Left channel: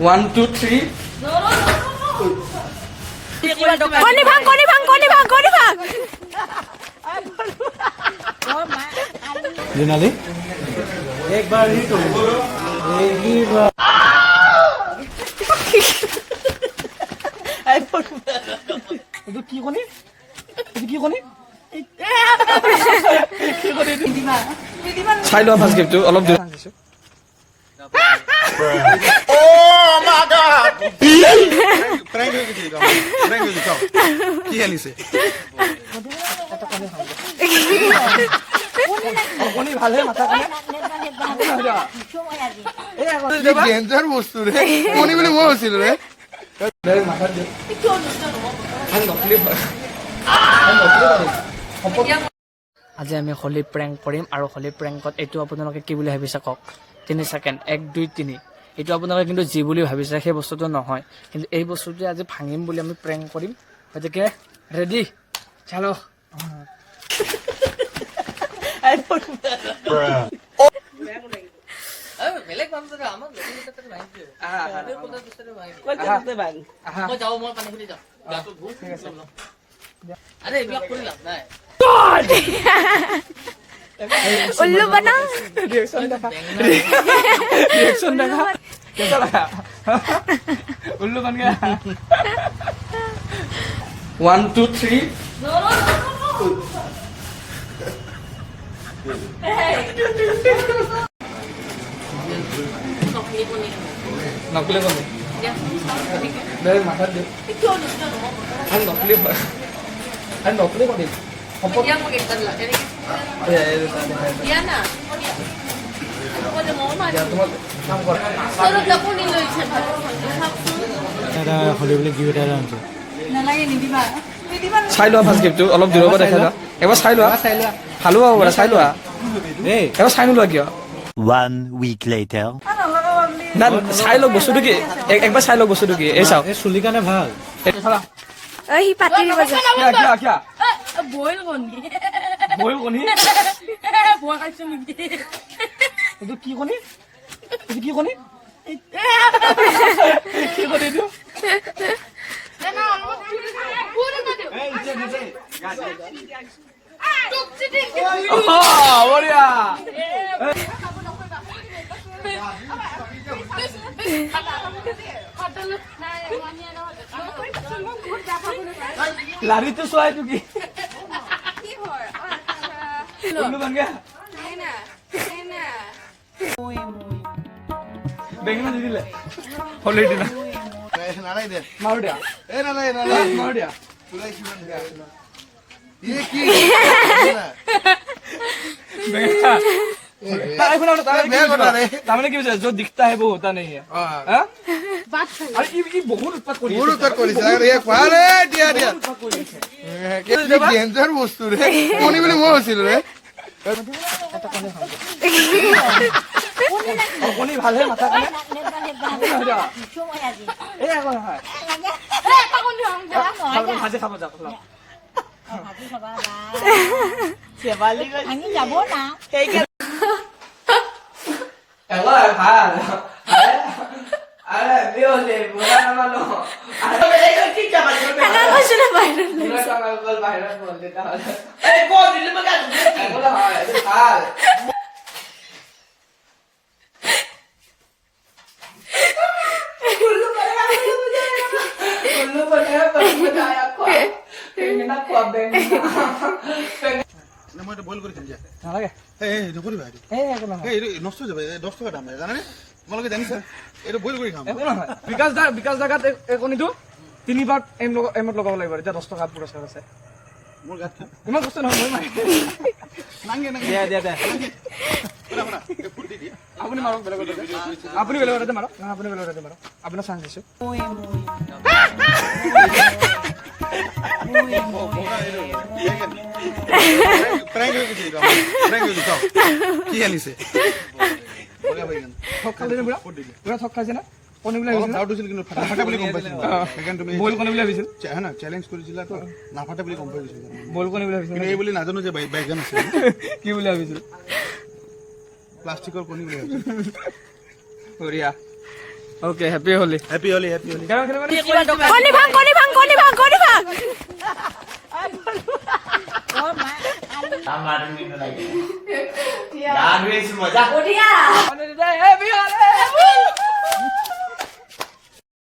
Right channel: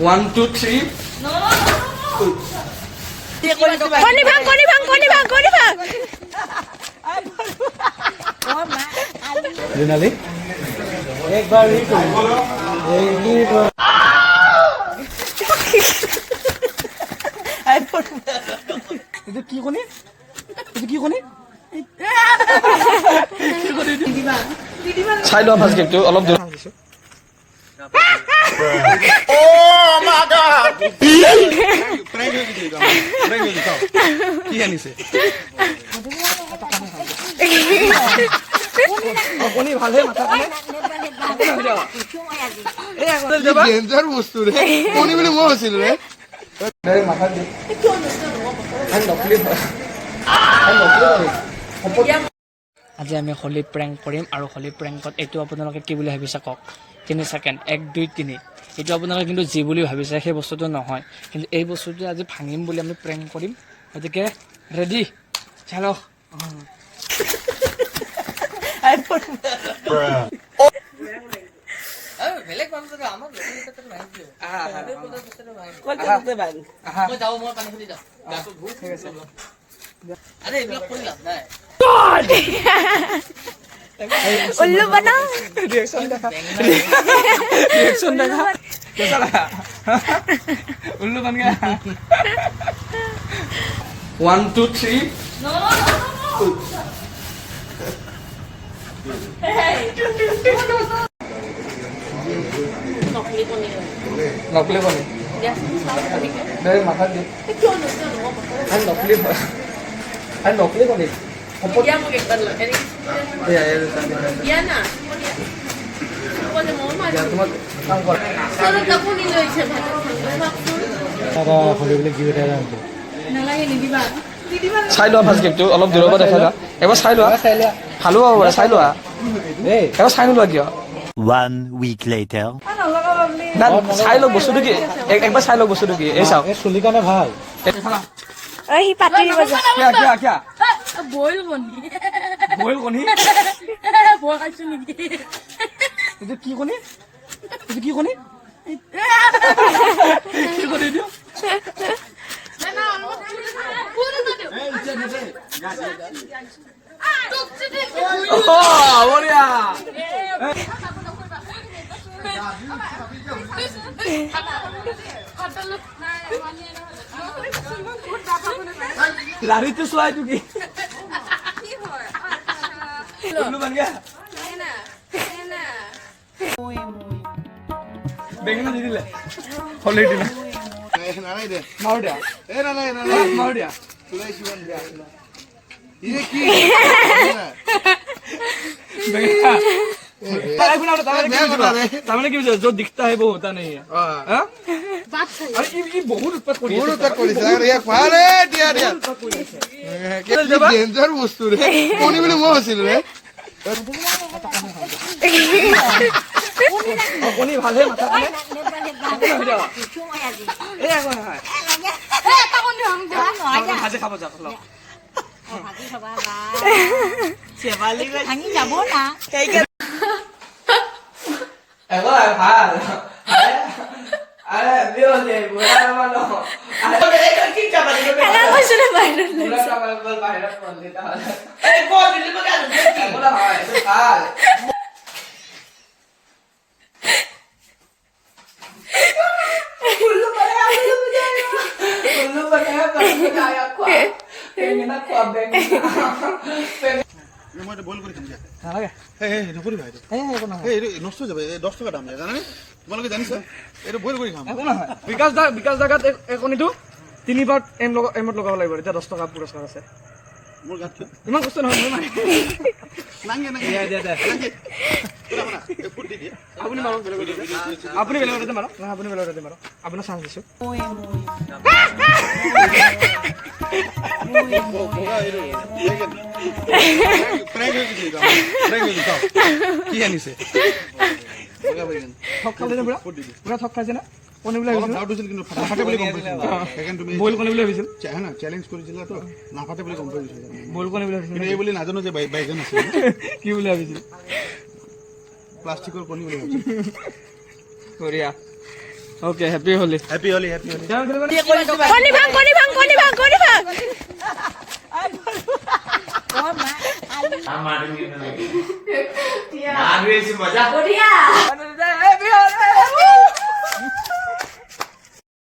1 2 3 কণী ভাঙ जुनाली एक बार ही এইটো কি কণী কি কণী চাই লোৱা ফাৰ্ষ্ট গেমটো অলপ দিন কি আনিছে কণী ভালহে মাথা কানে ডেঞ্জাৰ বস্তু ৰে কণী বুলি মই হৈছিলো ৰে আজি আমি হোলী প্ৰেংক কৰিম আৰু হোলী প্ৰেংকত এইটো আপোনালোকে কি বুলি ভাবিছে কওক 3 ছেকেণ্ড 1 2 3 এইটো আপোনালোকে কিন্তু যি বুলি ভাবিছে সেই বস্তুটো নহয় কিন্তু এই বস্তুটো আজি ভাঙিম বুলি আমি প্ৰেংক কৰিম গতিকে ৰেডি চলো বেলেগ মানুহ আমাৰ লোকেলতে ভাঙিছো কলকাতাতে ভাঙ মই যাও মই পানী খুলি যাও গাটো ভুক ঠিক আছে আরে এইবিলাক কৰি লাভ নাই উল্লু বনা रिएक्शन देखा कैसा लगा उल्लू बन गया 1 2 3 नकली कौन मेरे माथा दे नकली कौन Ya mo gigban ini ya ya na ya তোমার কাম কর solo tapo nilo iche bhalo তারা হলে বলে কি ওটা জানতো nalage ni diba চাই লোৱা ফাৰ্ষ্ট গেমটো অলপ দূৰৰ পৰা দেখা যা এবাৰ চাই লোৱা ভালো হ'ব পাৰে চাই লোৱা এই এবাৰ চাই নোলোৱা কিয় 1 week later. না চাই লওক বস্তুটো কি একবাৰ চাই লওক বস্তুটো কি এই চাওক এই চুলি কাৰণে ভাল oi hi pati diba ja কিয়া boil koni বইল কণী boil kaisu niki এইটো কি কণী কি কণী এইটো na puro na dio toxic বঢ়িয়া লাৰিটো চোৱা এইটো কি উল্লু বন গয়া বেঙেনা দি দিলে হলে দিলে নালাই দে মাৰ দিয়া এ নালাই মাৰ দিয়া তুলাই শিবন দিয়া ইয়ে কি বেঙেনা তাৰমানে কি হৈছে য'ত দিখতা হে বহুত হোতা নেহি হা আরে ই বহুত উৎপাত কৰি বহুত উৎপাত কৰিছে আৰু এক পাৰে দিয়া কি ডেঞ্জাৰ বস্তু ৰে কণী বুলি মই হৈছিলো ৰে কণী ভালহে মাথা কানে এই আকৌ ভাজি খাব যা ani jabo na এবাৰ ভাল আরে বিও দে বুড়া মানো আরে এই কি চাবা দিবে ana ko suna viral বুড়া চাবা বল বাইরে ফোন দিতে হবে এই কো দিলে মগা এগুলো হয় এটা ভাল উল্লু বনে আয়া কো বেঙেনা কো বেঙেনা মই এটা বইল কৰি খাম দিয়া নালাগে এই নকৰি ভাই একো নহয় এই নষ্ট হৈ যাব 10 টকা দাম জানানে তোমালোকে জানিছা এইটো বইল কৰি খাম একো নহয় বিকাশ জাগাত এই কণীটো 3 বাৰ এমত লগাব লাগিব এতিয়া 10 টকা পুৰস্কাৰ আছে মোৰ গাত ইমান কষ্ট নহয় মোৰ নাংগে দে ফুট দি দিয়া আপুনি মাৰক আপুনি বেলেগতে মাৰক নহয় আপুনি বেলেগতে মাৰক আপোনাৰ চান্স দিছো কি আনিছে ঠক খালে নে পুৰা ঠক খাইছে না কণী বুলি ভাবিছিল আউট হৈছিল কিন্তু নাফাটে বুলি গম পাইছিল সেইকাৰণে তুমি বইল কণী বুলি ভাবিছিল না চ্যালেঞ্জ কৰিছিলা তো নাফাটে বুলি গম পাইছিল বইল কণী বুলি ভাবিছিল কিন্তু এই বুলি নাজানো যে বাইগান আছে কি বুলি ভাবিছিল প্লাষ্টিকৰ কণী বুলি ভাবিছিল বঢ়িয়া ওকে হ্যাপি হোলি হেপী হলি হেপী হলি কেমন খেলবেন কণী ভাং কণী ভাং কণী ভাং কণী ভাং মজা